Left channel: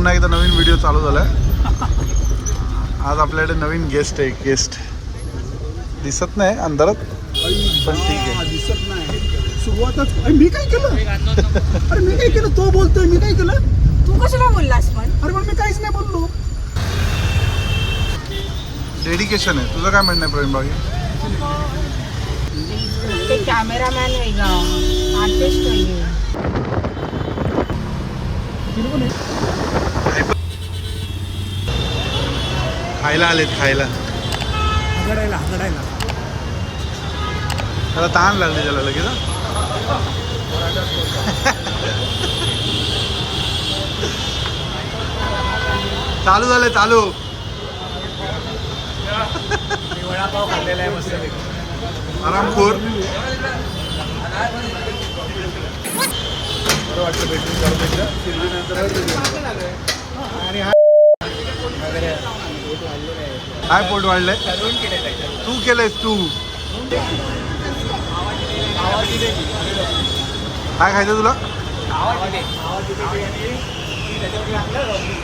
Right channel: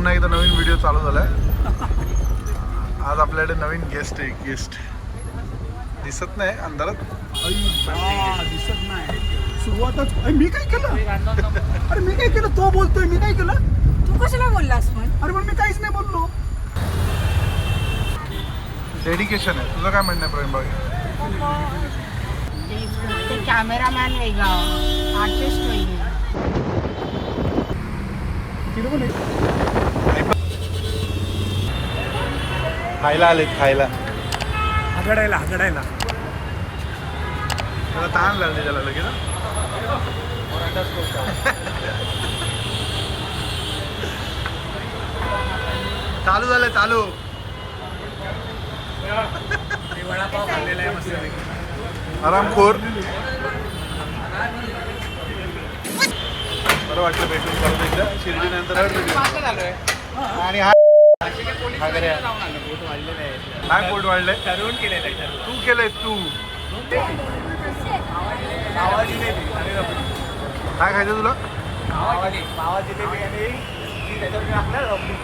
पुन्हा एकदा नवीन व्हिडिओ चालू झालाय. आज आपल्याकडे नवीन गेस्ट आहे. गेस्ट दिसत नाही अंधारात पण ठीक आहे. दिसत नाही सुरुवातच. मी काय केलं? अरे मी काय केलं? तो बोलतोय मी काय केलं? तू कशाला बोललास पण? अरे पण मी काहीच नाही बोललो. डेडिकेशन आहे. तुझं काय म्हणणं आहे प्रवीण बागी? ते कॅमेरामॅन वेगळा, आर्टिस्ट वेगळे. खायला आलेत खायला. हगडायला त्याला ताण लागली त्याला लगेच. चालू झालंय चालू. वडापाव खाल्लेला आहे मस्त आरामखोर. बरं वाटलं भेटून परत एकदा. शिर्डीनंतर आणि हा काय पोट वाढलंय? ठरवून केलेलं आहे. तू केलंयस तू. मावा जिलेबी आणि रबडी. काय खायचं तुला? मावा जिलेबी आणि त्याच्यावर टाकलं रबडी.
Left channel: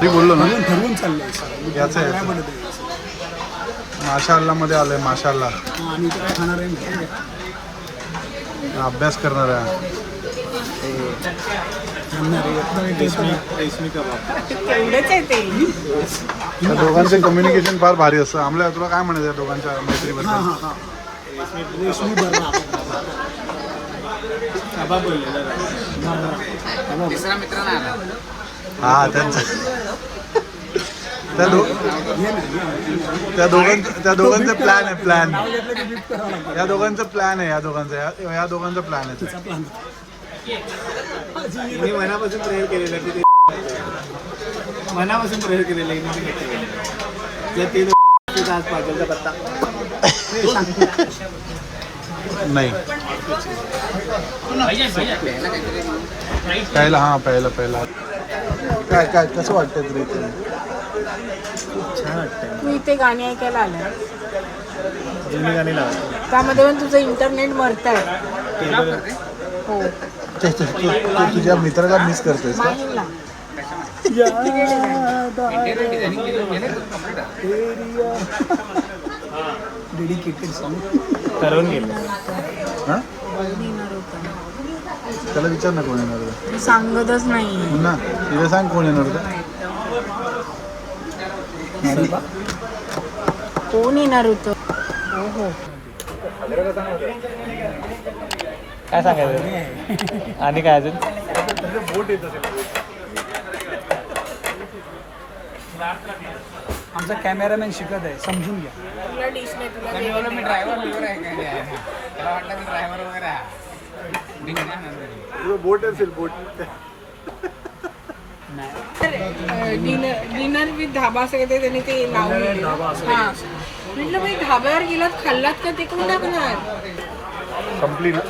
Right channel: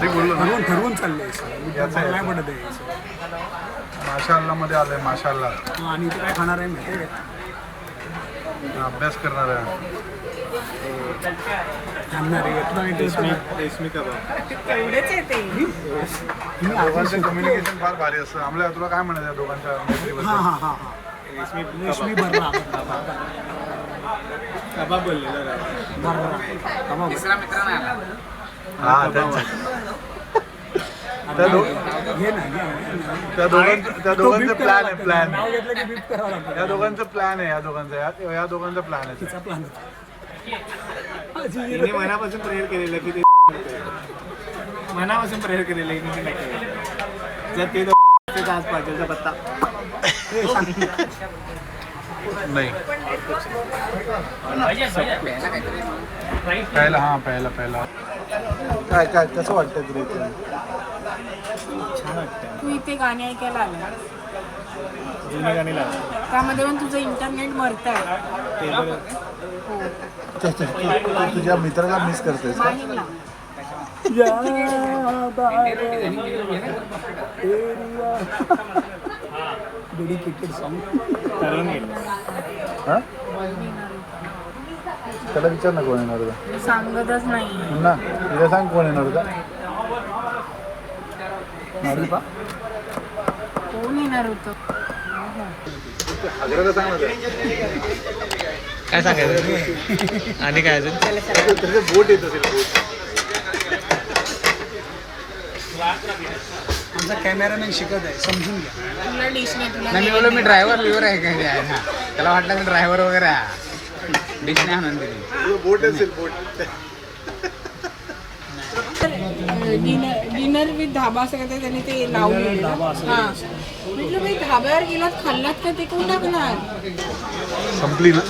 मी बोललो ना ठरवून चाललंय. याचं आहे याचं. माशाल्ला मध्ये आलंय माशाल्ला. आणि इथे काय खाणार आहे माहिती आहे? अभ्यास करणार आहे. थांबणार आहे. रेशमी कबाब. तेवढेच आहे ते. त्या दोघांचं कम्युनिकेशन फार भारी असतं. आम्हाला तुला काय म्हणायचं या दोघांच्या मैत्रीबद्दल? रेशमी भरला कबाब बोललेला. हा त्यांचा त्या दोघांचं प्लॅन आहे. प्लॅन या दोघांचं प्लॅन आहे. या दोघांचा प्लॅन आहे. मनापासून प्रेयर केलेलं की ते मनापासून प्रेयर केलेलं आहे जर ते आज पाहिजे पत्ता नाही प्यायला. हा प्यायला काय काय कसं वाटतंय तुला इथे? छान वाटतं. तू इथे गाणी ऐकायला आला, जुनी गाणी लावतात. त्यामध्ये पण तुझं इंटरनेट मरतंय. हो. तू तुझ्या मित्राला मिस करतेस का? डेडिकेटेड सॉन्ग ठरवून गेलं. हा त्याला विचार ना कोण येणार होतं. सांगतच नाही. पुन्हा तिला सांग कोण येणार होतं. कोण येणार होतं? काय सांगायचं आणि काय अजून बोट येत असेल. बोट आमचा कॅमेरामॅन शिकत आहे, समजून घ्या. तुला डिश नाही. तुला नाही बोललो मी ड्रायव्हर लिव्हर आहे काय त्याला वाटलं मी ड्रायव्हर वगैरे आहे. डिश नाही म्हणते बोट असेल. बोट डिनर विथ धाबा असं काहीतरी त्यांनी ते लावलं. हा म्हटलं बाई धाब्यावर गेलात खाल्लात का ते कोण टाकणार? संपली ना.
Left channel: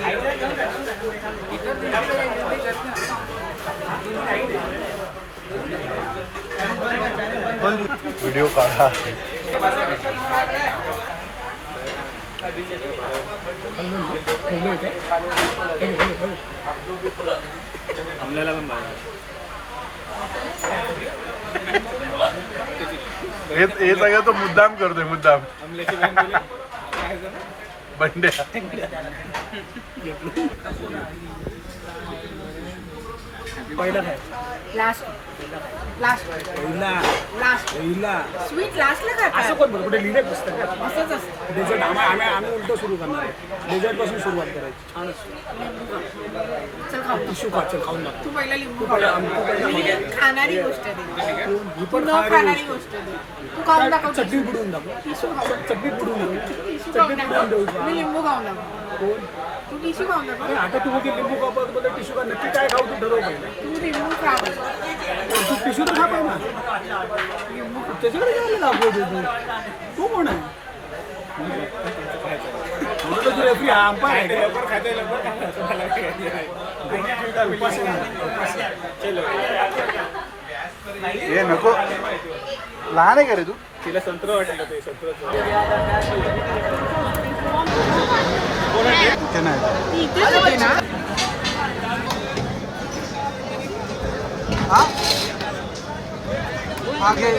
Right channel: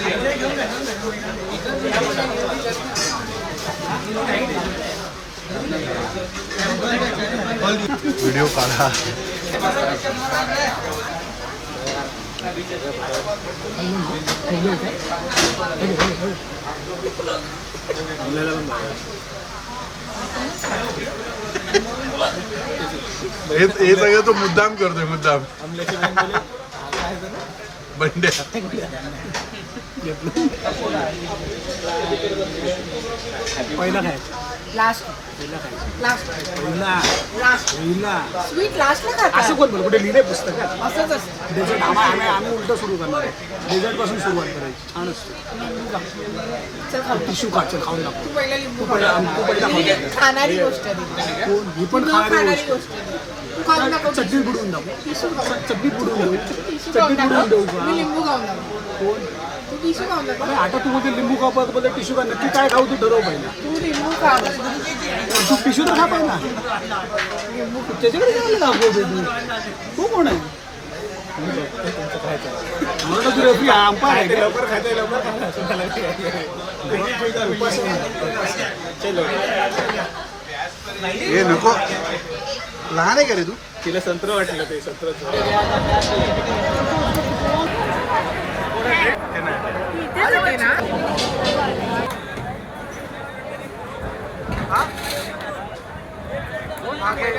व्हिडिओ काढा. आपल्याला पण हे सगळं तो मुद्दाम करतोय. मुद्दाम बंड्या. पहिला काय लास्ट लास्ट लास्ट स्वीट लास्टला असं खातात कोण बोल कुठे लिहिले पुस्तकात असंच असतं डेझर्ट आम्ही उलट सुरू करणार आहे डेझर्ट पासून सुरुवात करायची छान असतं टिश्यू खा चल खाऊन दाखव. तू पहिला लिंबू तू पहिला खाऊन दाखव. खाणारी गोष्ट आहे ती. कोण? ही पण न खाणारी खाणारी गोष्ट. गोष्ट आहे तू खाऊन दाखव चटणी बुडवून दाखव चटणी बुडवून देऊ टिश्यू चटणी खाऊन बुडवून देऊ दाखव का? मी लिंबू खाऊन दाखव कोण तू टिश्यू खाऊन दाखव आणि आता तू मध्ये लिंबू खा मध्ये टिश्यू खा नक्की काय खाऊ तू ठरव पाहिजे तू लिंबू खा तू टिश्यू तर खा पाहिजे ना त्याच्याकडे काय दाखवतो तू कोण आहे लवकर खायचं हे नको लहान आहे का रे तू तिला संत्र वाटलं ते संत्र ते नाही ती इथेच होते ना हा आगे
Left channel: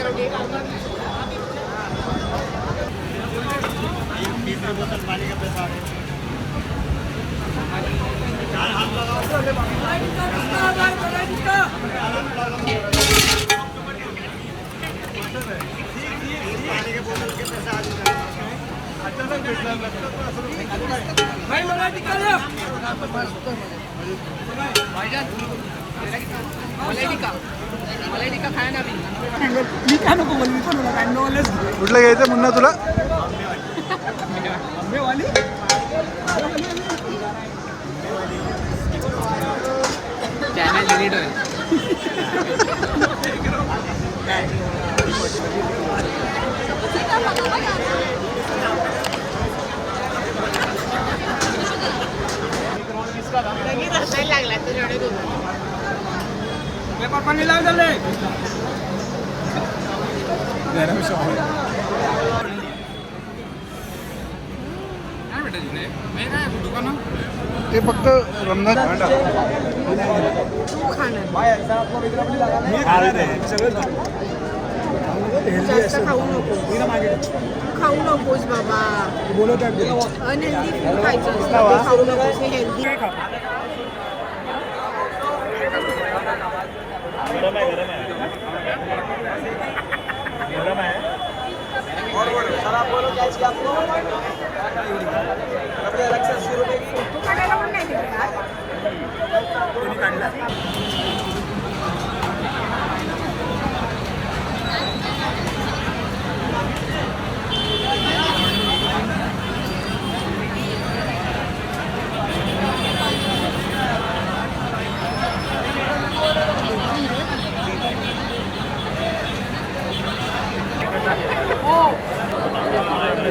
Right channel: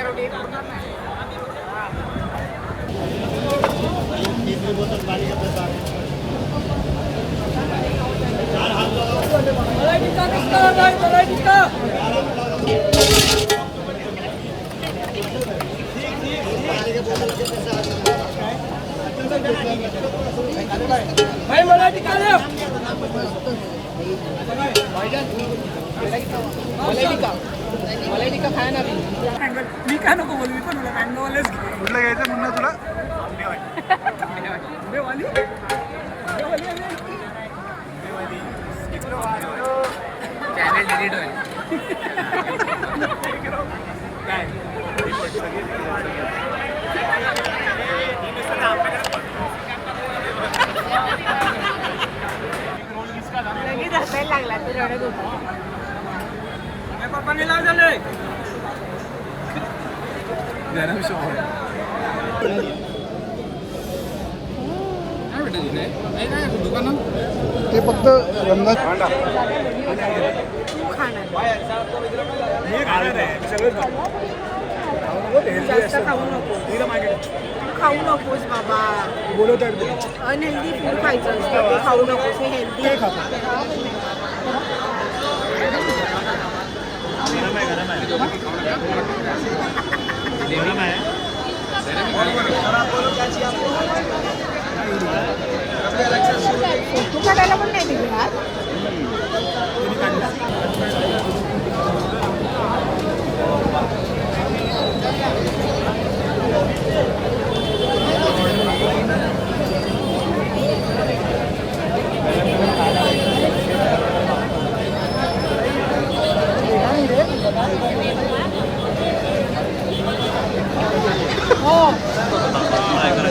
मी काय नको बोल मी पण मला काय नॉलेज घे कुठलं घ्यायचं मुन्ना तुला आंबेवाली चॅनल डिलीट होईल. पाणी लाव झाले गरम शॉवर काय भेटत तिथे? नाही काय दुकानं? ते फक्त रमजान तू खाणार मी खाणार आहे सगळंच खाऊ नको हेल्दी जास्त असतं खाऊ नको मी मागे तू खाऊ नकोस बाबा बोलत आहे अनहेल्दी फूड खायचं असतं ते खाऊ नकोस हे हेल्दी आहे गरम आहे गरम आहे गरम आहे फोटो काढायला पण नाही दिले त्यांनी काढला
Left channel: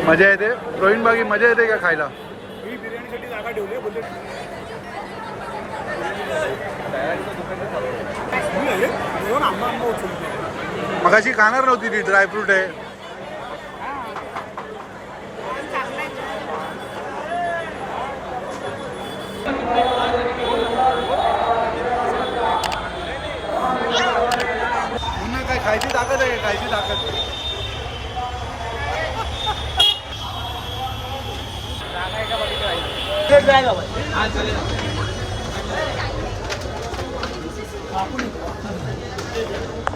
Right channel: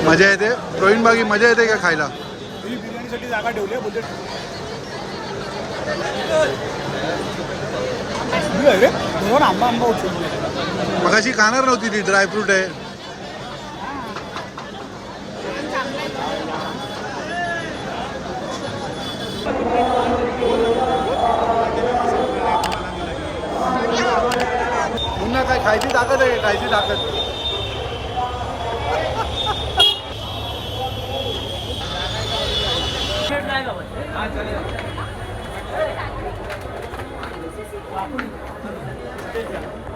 मजा येते प्रवीण बागी मजा येते का खायला मी बिर्याणीसाठी जागा ठेवली बोलते आंबा आंबा उचलून मगाशी खाणार नव्हती ती ड्रायफ्रूट आहे पुन्हा काय खायची ताकद आहे खायची ताकद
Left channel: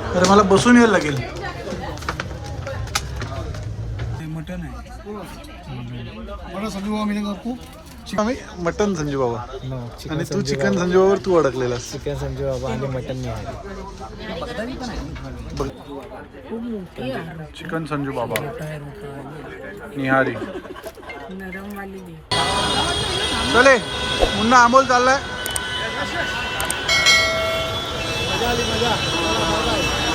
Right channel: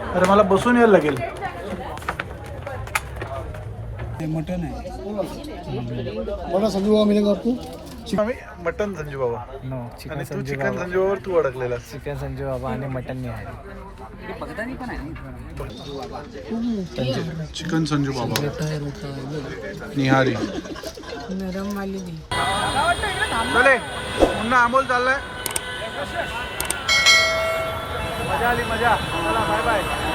अरे मला बसून यायला लागेल मटन आहे बोला संजू बाबा मिळेल आपको आम्ही मटन संजू बाबा नो आणि तू चिकन संजू बाबावर तू अडकलेलास चिकन संजू बाबा आणि मटन निहारी चिकन संजू बाबा निहारी नरम वाली दे चले मुन्ना अमोल चाललाय मजा आली मजा चला बाय बाय